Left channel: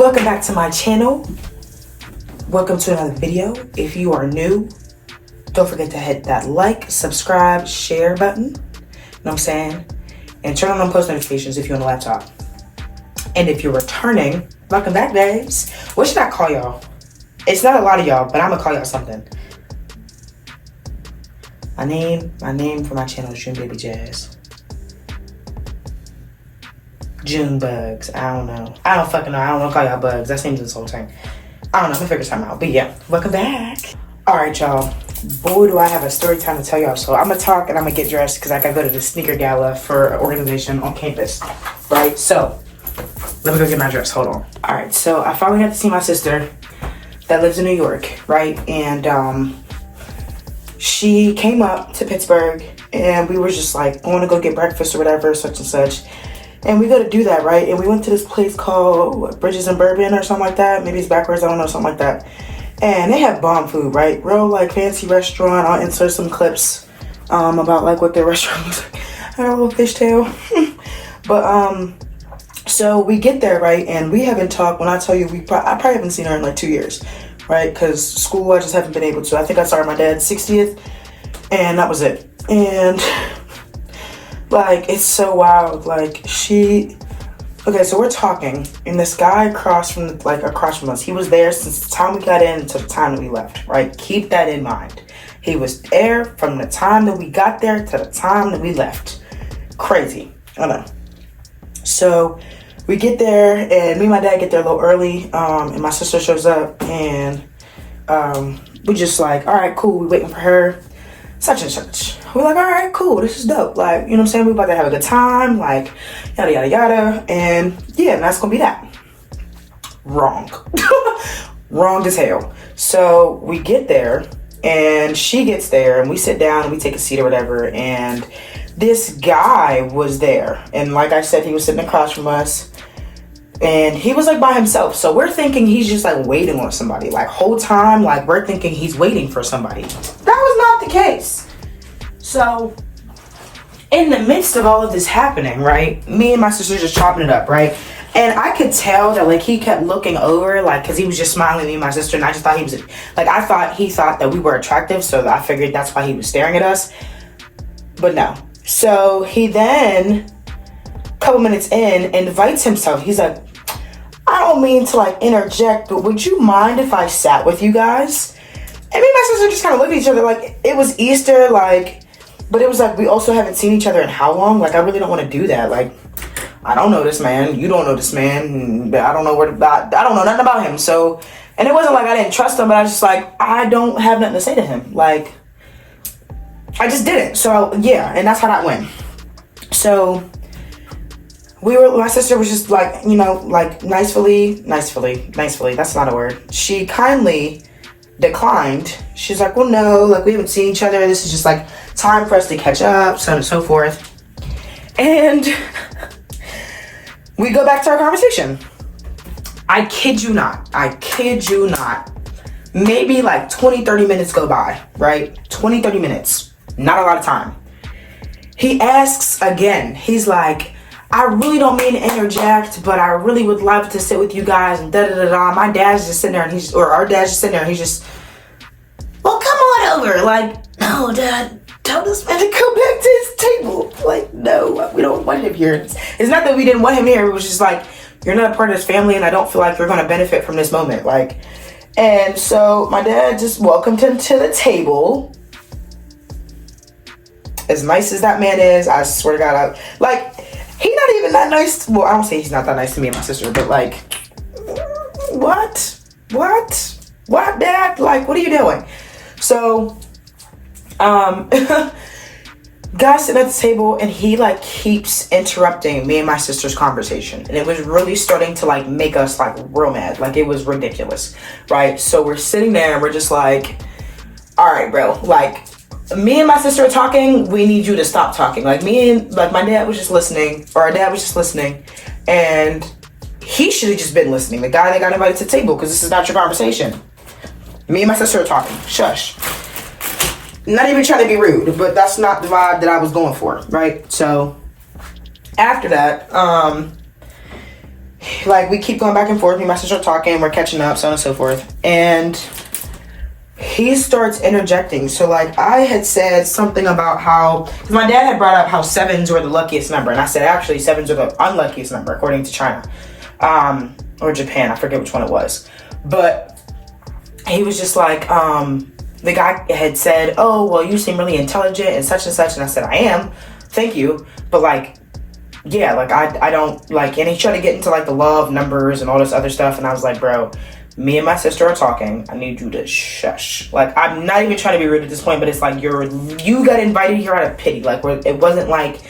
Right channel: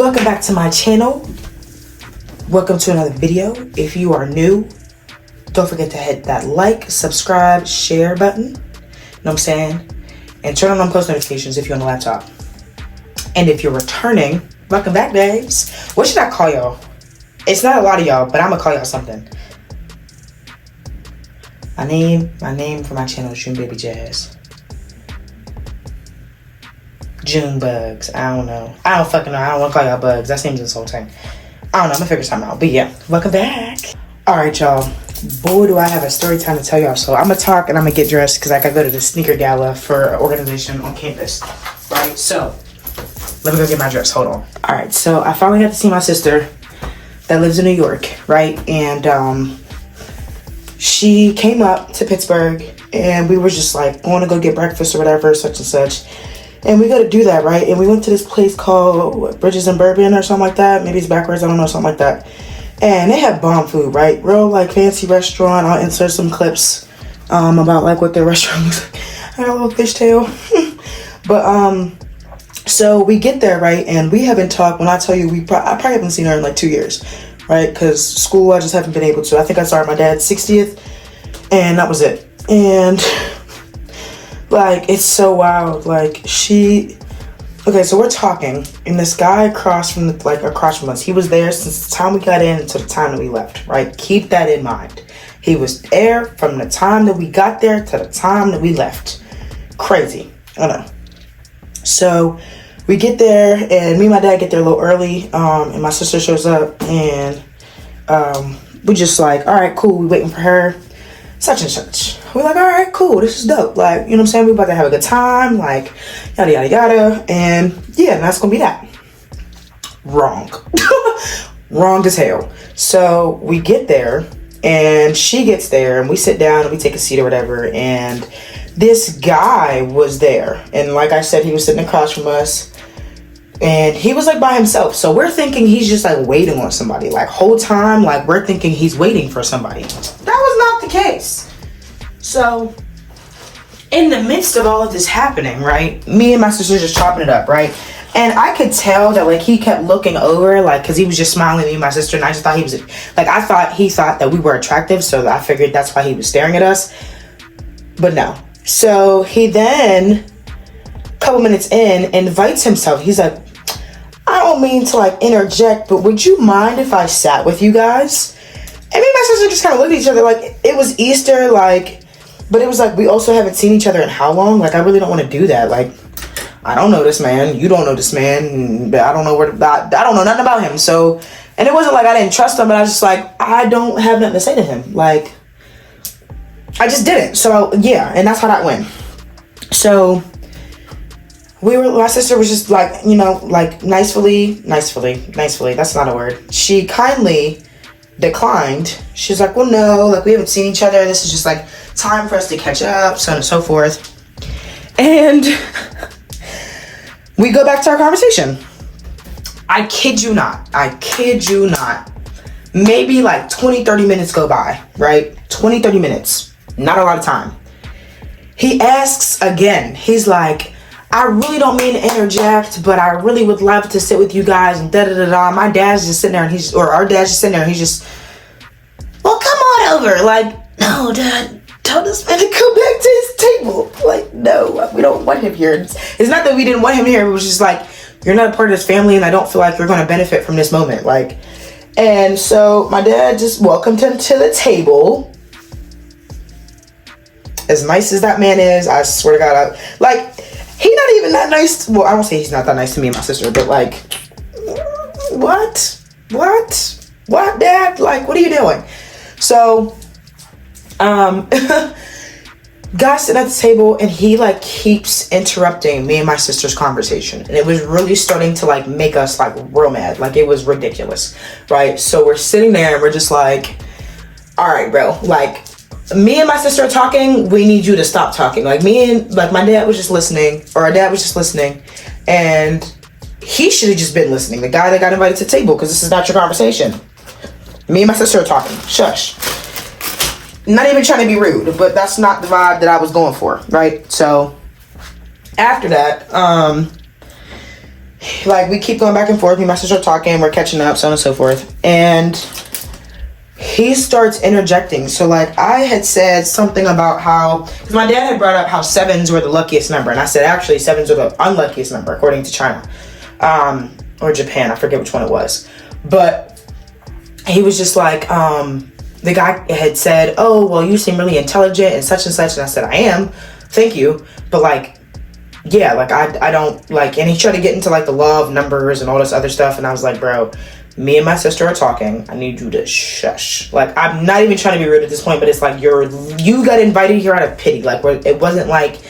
Welcome back to my channel. Welcome to another video. If you are new, don't forget to hit that like, subscribe, share button. You know what I'm saying? And turn on post notifications if you're on the laptop. And if you're returning, welcome back, guys. What should I call y'all? It's not a lot of y'all, but I'm gonna call y'all something. My name for my channel is June Baby Jazz. June Bugs. I don't know. I don't fucking know. I don't want to call y'all bugs. That seems insulting. I don't know. I'm gonna figure something out. But yeah, welcome back. Alright, y'all. Boy, do I have a story time to tell y'all. So I'm gonna talk and I'm gonna get dressed because I gotta go to the sneaker gala for an organization on campus. Right? So let me go get my dress. Hold on. Alright, so I finally got to see my sister that lives in New York, right? And she came up to Pittsburgh and we were just like going to go get breakfast or whatever, such and such. And we got to do that, right? And we went to this place called Bridges and Bourbon or something like that. Maybe it's backwards, I don't know, something like that. And they have bomb food, right? Real like fancy restaurant. I'll insert some clips about like what their restaurant looks like. I got a little fishtail. But so we get there, right? And we haven't talked. When I tell you, I probably haven't seen her in like 2 years, right? Because school, I just haven't been able to. I think I started my dad's 60th, and that was it. And like, it's so wild. Like, okay, so we're talking, and this guy across from us, he was there since the time we got in to the time that we left, right? Keep that in mind. He was there from the time that we got there to the time that we left. Crazy, I know. So we get there, and me and my dad get there a little early, and my sister shows up, and we just like, all right, cool, we waiting for her, such and such. We're like, all right, cool, this is dope. Like, you know what I'm saying? We about to have a good time, like, yada, yada, yada. And yeah, that's gonna be that. Wrong. Wrong as hell. So we get there, and she gets there, and we sit down, and we take a seat or whatever, and this guy was there. And like I said, he was sitting across from us, and he was like by himself. So we're thinking he's just like waiting on somebody. Like, whole time, like, we're thinking he's waiting for somebody. That was not the case. So, in the midst of all of this happening, right, me and my sister just chopping it up, right? And I could tell that, like, he kept looking over, like, because he was just smiling at me and my sister, and I just thought he was, like, he thought that we were attractive, so I figured that's why he was staring at us. But no. So, he then, a couple minutes in, invites himself. He's like, I don't mean to, like, interject, but would you mind if I sat with you guys? And me and my sister just kind of looked at each other, like, it was Easter, like, but it was like, we also haven't seen each other in how long? Like, I really don't want to do that. Like, I don't know this man. You don't know this man. I don't know I don't know nothing about him. So, and it wasn't like I didn't trust him, but I was just like, I don't have nothing to say to him. Like, I just didn't. So, yeah, and that's how that went. So, my sister was just like, you know, like, nicely, that's not a word. She kindly declined. She's like, well, no, like, we haven't seen each other. This is just like time for us to catch up, so on and so forth. And we go back to our conversation. I kid you not. Maybe like 20-30 minutes go by, right? 20-30 minutes. Not a lot of time. He asks again. He's like, I really don't mean to interject, but I really would love to sit with you guys and da-da-da-da. My dad's just sitting there, and our dad's just sitting there, and he's just, well, come on over. Like, no, Dad, tell this man to come back to his table. Like, no, we don't want him here. It's not that we didn't want him here. It was just like, you're not a part of this family, and I don't feel like you're going to benefit from this moment. Like, and so my dad just welcomed him to the table. As nice as that man is, I swear to God, he's not even that nice. Well, I don't say he's not that nice to me and my sister, but like, what, Dad? Like, what are you doing? So, guy sitting at the table, and he like keeps interrupting me and my sister's conversation, and it was really starting to like make us like real mad. Like, it was ridiculous, right? So we're sitting there, and we're just like, all right, bro, like, me and my sister are talking, we need you to stop talking. Like, my dad was just listening, or our dad was just listening, and he should have just been listening. The guy that got invited to the table, because this is not your conversation. Me and my sister are talking. Shush. Not even trying to be rude, but that's not the vibe that I was going for, right? So, after that, like, we keep going back and forth. Me and my sister are talking, we're catching up, so on and so forth. And he starts interjecting. So, like, I had said something about how, because my dad had brought up how 7s were the luckiest number. And I said, actually, 7s are the unluckiest number, according to China. Or Japan, I forget which one it was. But he was just like, the guy had said, oh, well, you seem really intelligent and such. And I said, I am, thank you. But, like, yeah, like, I don't, like, and he tried to get into, like, the law of numbers and all this other stuff. And I was like, bro, me and my sister are talking. I need you to shush. Like, I'm not even trying to be rude at this point, but it's like, you got invited here out of pity. Like, it wasn't like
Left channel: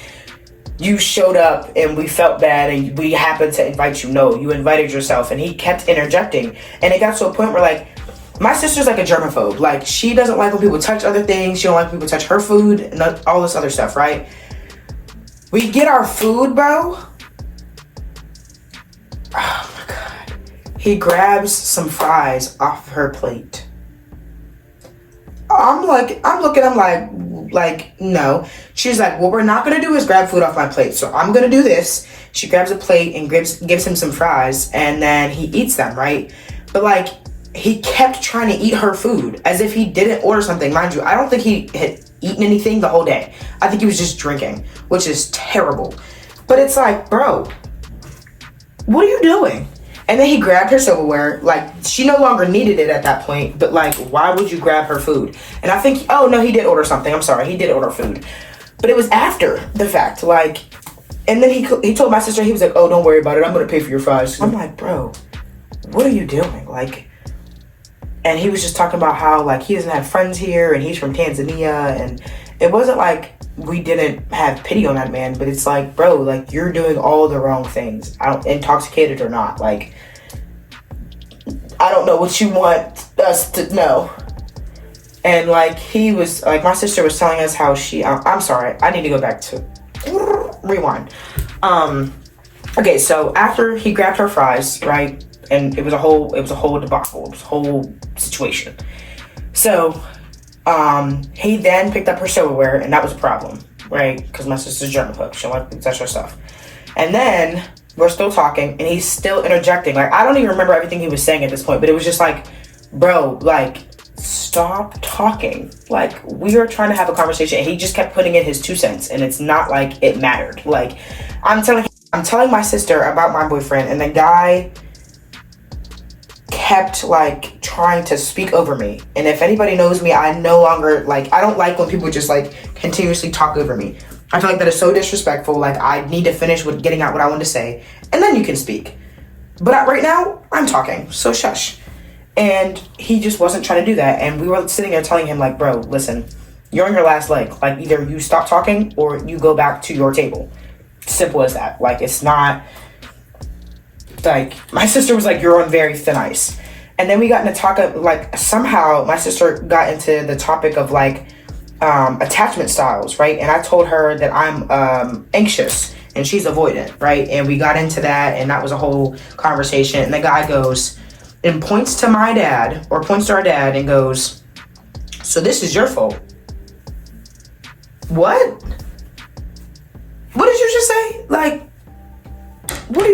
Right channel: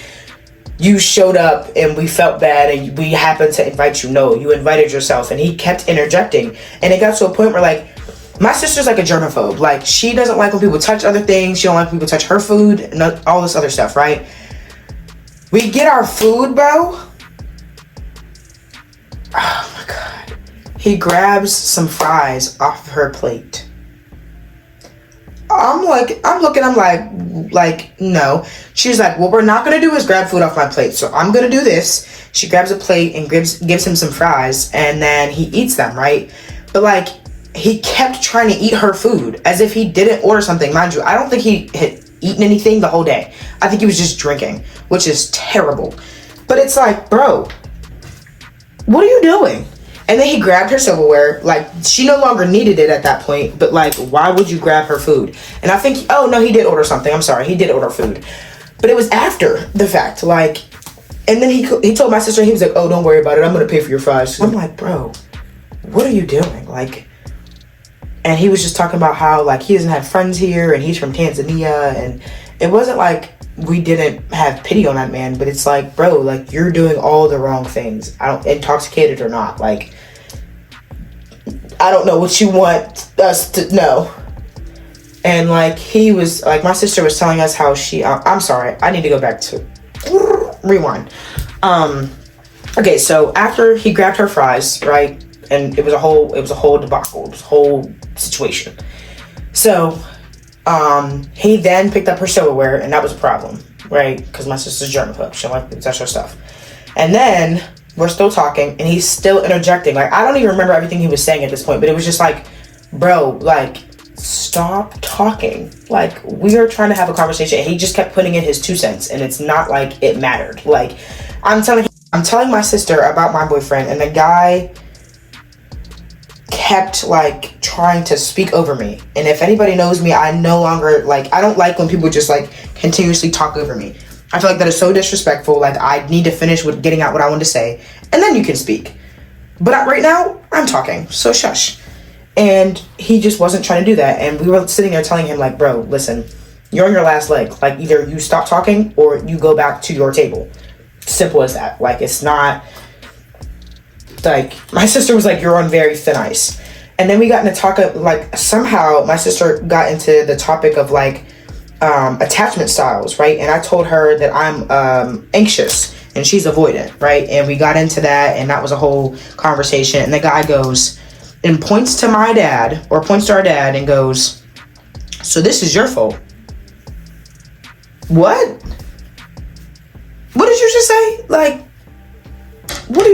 you showed up and we felt bad and we happened to invite you. No, you invited yourself. And he kept interjecting. And it got to a point where, like, my sister's like a germaphobe. Like, she doesn't like when people touch other things. She don't like people touch her food and all this other stuff, right? We get our food, bro. Oh my God. He grabs some fries off her plate. I'm like, no. She's like, what we're not gonna do is grab food off my plate. So I'm gonna do this. She grabs a plate and gives him some fries, and then he eats them, right? But, like, he kept trying to eat her food as if he didn't order something. Mind you, I don't think he had eaten anything the whole day. I think he was just drinking, which is terrible. But it's like, bro, what are you doing? And then he grabbed her silverware. Like, she no longer needed it at that point, but, like, why would you grab her food? And I think, oh no, he did order something. I'm sorry, he did order food. But it was after the fact, like, and then he told my sister, he was like, oh, don't worry about it, I'm gonna pay for your fries. I'm like, bro, what are you doing? Like, and he was just talking about how, like, he doesn't have friends here and he's from Tanzania, and it wasn't like we didn't have pity on that man, but it's like, bro, like, you're doing all the wrong things, intoxicated or not. Like, I don't know what you want us to know. And, like, he was, like, my sister was telling us how she, I'm sorry, I need to go back to, rewind. Okay, so after he grabbed her fries, right, and it was a whole debacle, it was a whole situation. So, he then picked up her silverware, and that was a problem, right, because my sister's germaphobe, she don't like to touch her stuff. And then, we're still talking, and he's still interjecting. Like, I don't even remember everything he was saying at this point, but it was just like, bro, like, stop talking. Like, we are trying to have a conversation, and he just kept putting in his 2 cents, and it's not like it mattered. Like, I'm telling my sister about my boyfriend, and the guy kept, like, trying to speak over me. And if anybody knows me, I no longer, like, I don't like when people just, like, continuously talk over me. I feel like that is so disrespectful. Like, I need to finish with getting out what I want to say, and then you can speak. But right now, I'm talking, so shush. And he just wasn't trying to do that. And we were sitting there telling him, like, bro, listen, you're on your last leg. Like, either you stop talking or you go back to your table. Simple as that. Like, it's not, like, my sister was like, you're on very thin ice. And then we got into talk of, like, somehow my sister got into the topic of, like, attachment styles, right? And I told her that I'm anxious and she's avoidant, right? And we got into that, and that was a whole conversation. And the guy goes and points to my dad, or points to our dad, and goes, so this is your fault. What? What did you just say? Like, what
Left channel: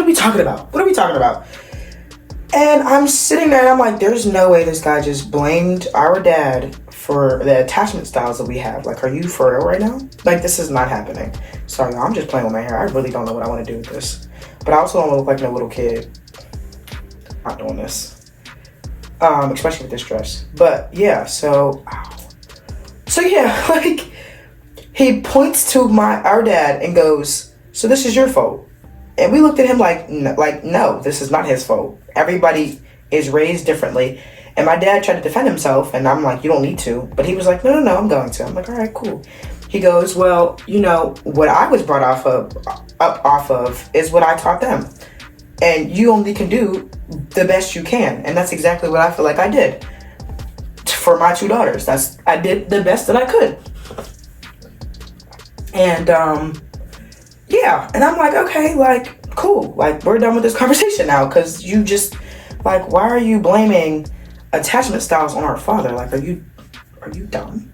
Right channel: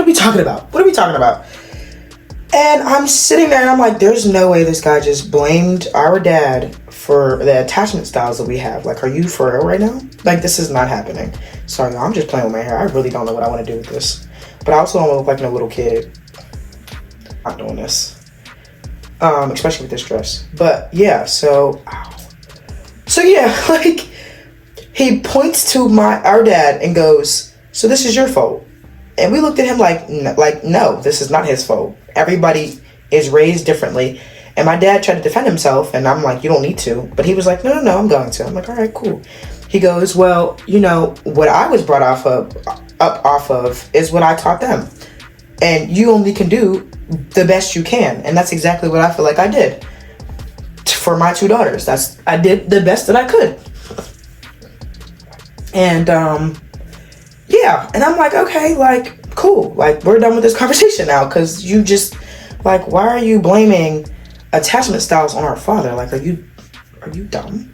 are we talking about? What are we talking about? And I'm sitting there and I'm like, there's no way this guy just blamed our dad for the attachment styles that we have. Like, are you for real right now? Like, this is not happening. Sorry, I'm just playing with my hair. I really don't know what I want to do with this. But I also don't want to look like a little kid. I'm not doing this. Especially with this dress. But yeah, so yeah, like, he points to our dad and goes, so this is your fault. And we looked at him like, no, this is not his fault. Everybody is raised differently. And my dad tried to defend himself, and I'm like, you don't need to. But he was like, no, I'm going to. I'm like, all right, cool. He goes, well, you know, what I was brought off of is what I taught them. And you only can do the best you can. And that's exactly what I feel like I did for my 2 daughters. I did the best that I could. And, yeah. And I'm like, okay, like, cool. Like, we're done with this conversation now. Because you just, like, why are you blaming attachment styles on our father? Like, are you dumb?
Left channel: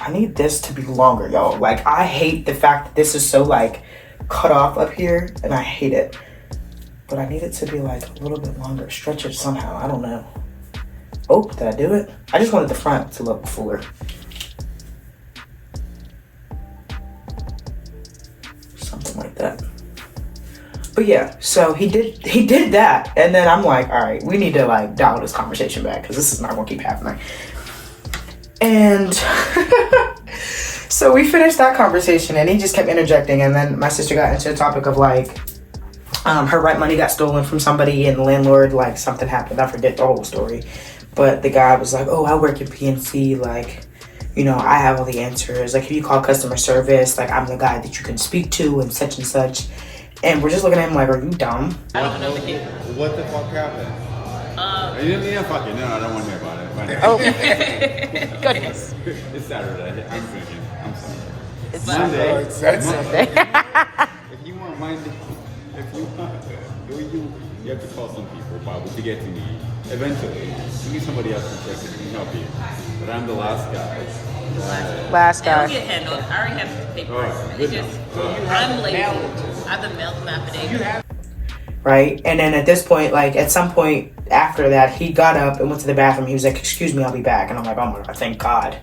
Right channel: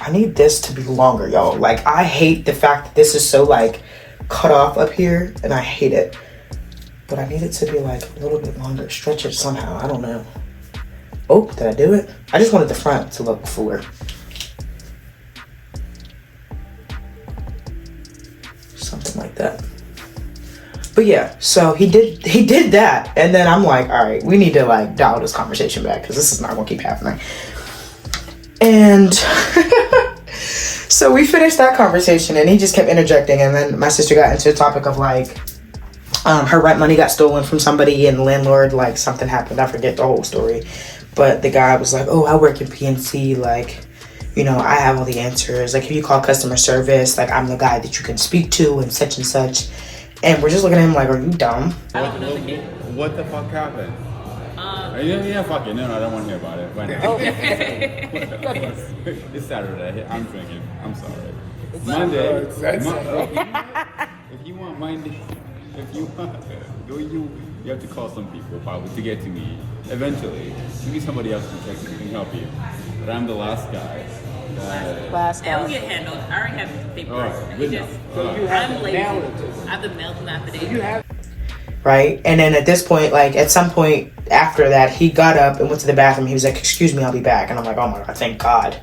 I need this to be longer, y'all. Like, I hate the fact that this is so, like, cut off up here and I hate it. But I need it to be like a little bit longer. Stretch it somehow, I don't know. Oh, did I do it? I just wanted the front to look fuller. Something like that. But yeah, so he did that. And then I'm like, all right, we need to like dial this conversation back because this is not gonna keep happening. And so we finished that conversation and he just kept interjecting. And then my sister got into the topic of like, her rent money got stolen from somebody and the landlord, like something happened. I forget the whole story. But the guy was like, oh, I work in PNC. Like, you know, I have all the answers. Like, if you call customer service, like I'm the guy that you can speak to and such. And we're just looking at him like, are you dumb? What the fuck happened? Yeah, fuck it. No, I don't want to hear about it. Right now. Oh. Goodness. It's Saturday. I'm drinking. I'm sorry. It's Monday. It's Saturday. If you want Monday, you have to call some people probably to get to me. Eventually, maybe somebody else can help you. But I'm the last guy. Last guy. It'll get handled. I already have the paper. All right, good enough. I'm lazy. I've been mailed an affidavit. Right? And then at this point, like at some point after that, he got up and went to the bathroom. He was like, excuse me, I'll be back. And I'm like, oh my God, thank God.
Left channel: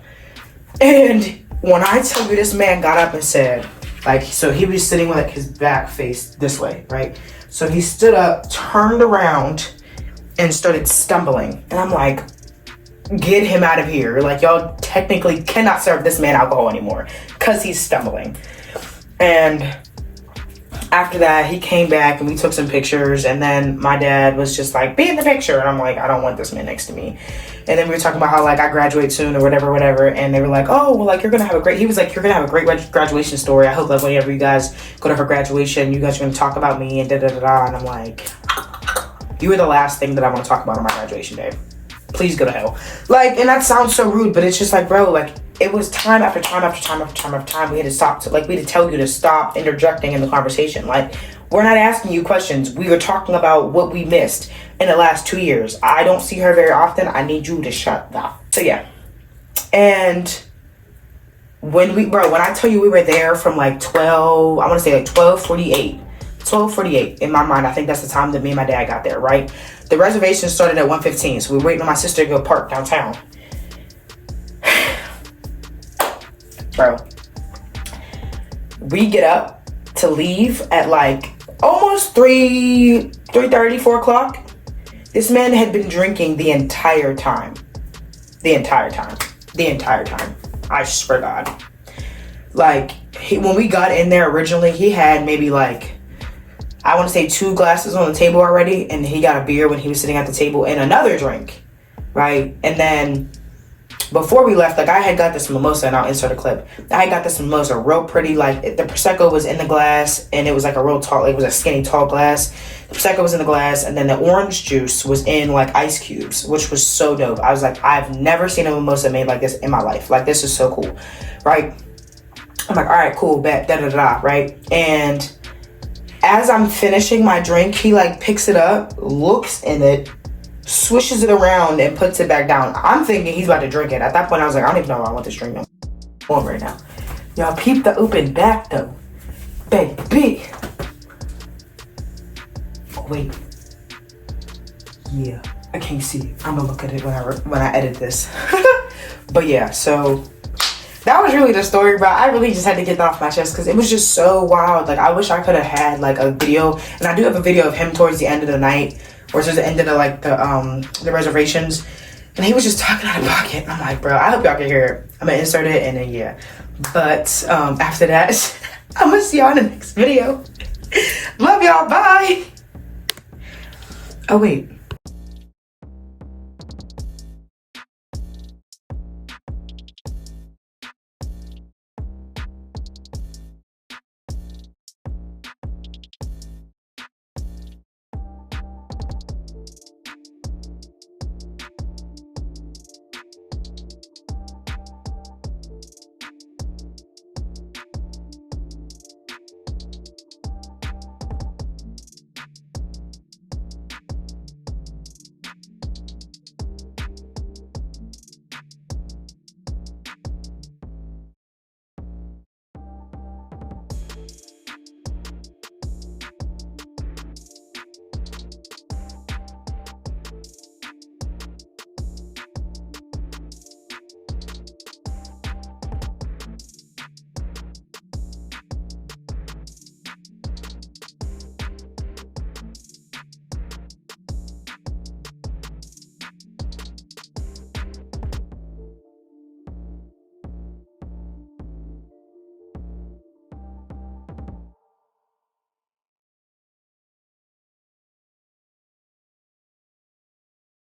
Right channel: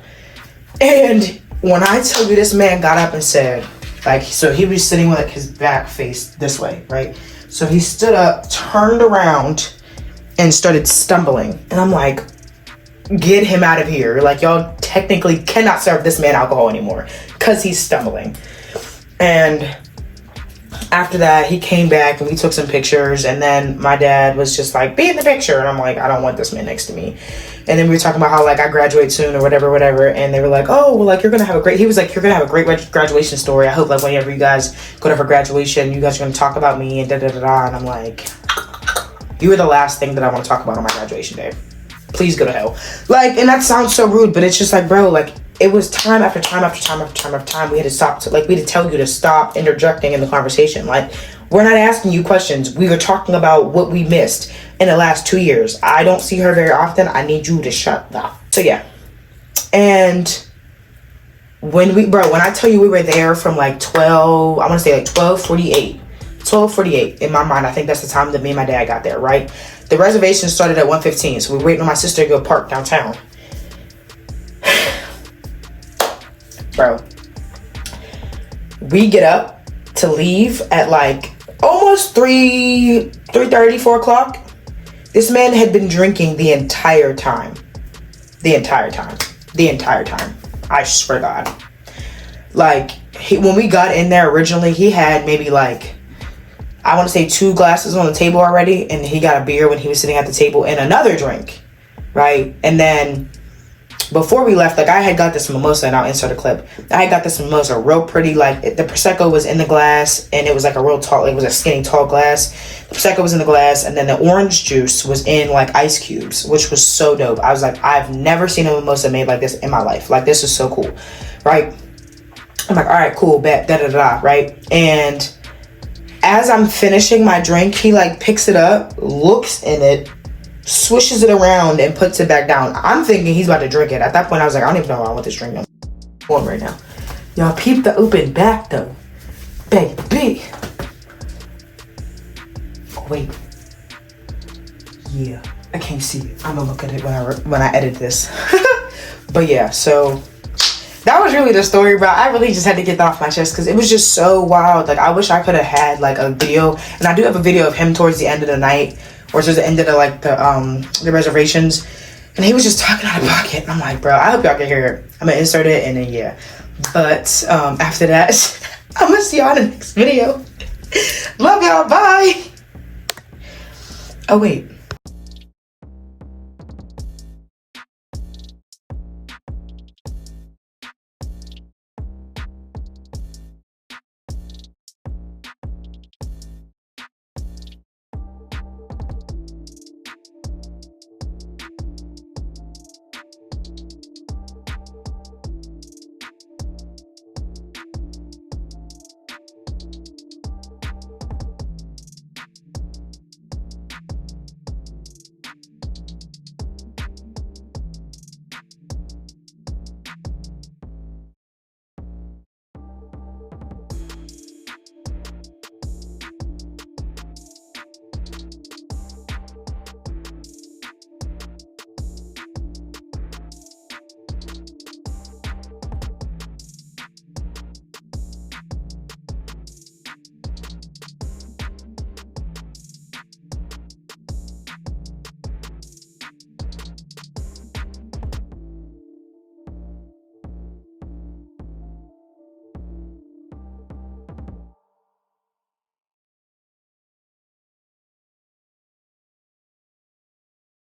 And when I tell you this man got up and said, like, so he was sitting with like his back faced this way, right? So he stood up, turned around, and started stumbling. And I'm like, get him out of here. Like, y'all technically cannot serve this man alcohol anymore because he's stumbling. And after that, he came back and we took some pictures. And then my dad was just like, be in the picture. And I'm like, I don't want this man next to me. And then we were talking about how like I graduate soon or whatever. And they were like, oh, well, like you're gonna have a great, he was like, you're gonna have a great graduation story. I hope like whenever you guys go to her graduation, you guys are gonna talk about me and da-da-da-da. And I'm like, you are the last thing that I want to talk about on my graduation day. Please go to hell. Like, and that sounds so rude, but it's just like, bro, like it was time after time. We had to stop. So, like, we had to tell you to stop interjecting in the conversation. Like, we're not asking you questions. We were talking about what we missed in the last 2 years. I don't see her very often. I need you to shut up. So yeah. And when I tell you we were there from like 12, I want to say like 12:48 in my mind. I think that's the time that me and my dad got there, right? The reservation started at 1:15, so we were waiting on my sister to go park downtown. Bro, we get up to leave at like almost 3:30, 4 o'clock. This man had been drinking the entire time. I swear to God. Like, when we got in there originally, he had maybe like, I want to say 2 glasses on the table already, and he got a beer when he was sitting at the table and another drink, right? And then before we left, like I had got this mimosa, and I'll insert a clip. I had got this mimosa real pretty, like the Prosecco was in the glass, and it was like a real tall, like it was a skinny tall glass. The Prosecco was in the glass, and then the orange juice was in like ice cubes, which was so dope. I was like, I've never seen a mimosa made like this in my life. Like, this is so cool, right? I'm like, all right, cool, bet, da-da-da, right? And as I'm finishing my drink, he like picks it up, looks in it, swishes it around, and puts it back down. I'm thinking he's about to drink it. At that point, I was like, I don't even know why I want this drink on right now. Y'all peep the open back though. Baby. Oh, wait. Yeah, I can't see it. I'm gonna look at it when I edit this. But yeah, so that was really the story, bro. I really just had to get that off my chest because it was just so wild. Like, I wish I could have had like a video, and I do have a video of him towards the end of the night, or towards the end of the reservations, and he was just talking out of pocket. And I'm like, bro, I hope y'all can hear it. I'm gonna insert it, and then yeah. But after that, I'm gonna see y'all in the next video. Love y'all. Bye. Oh wait.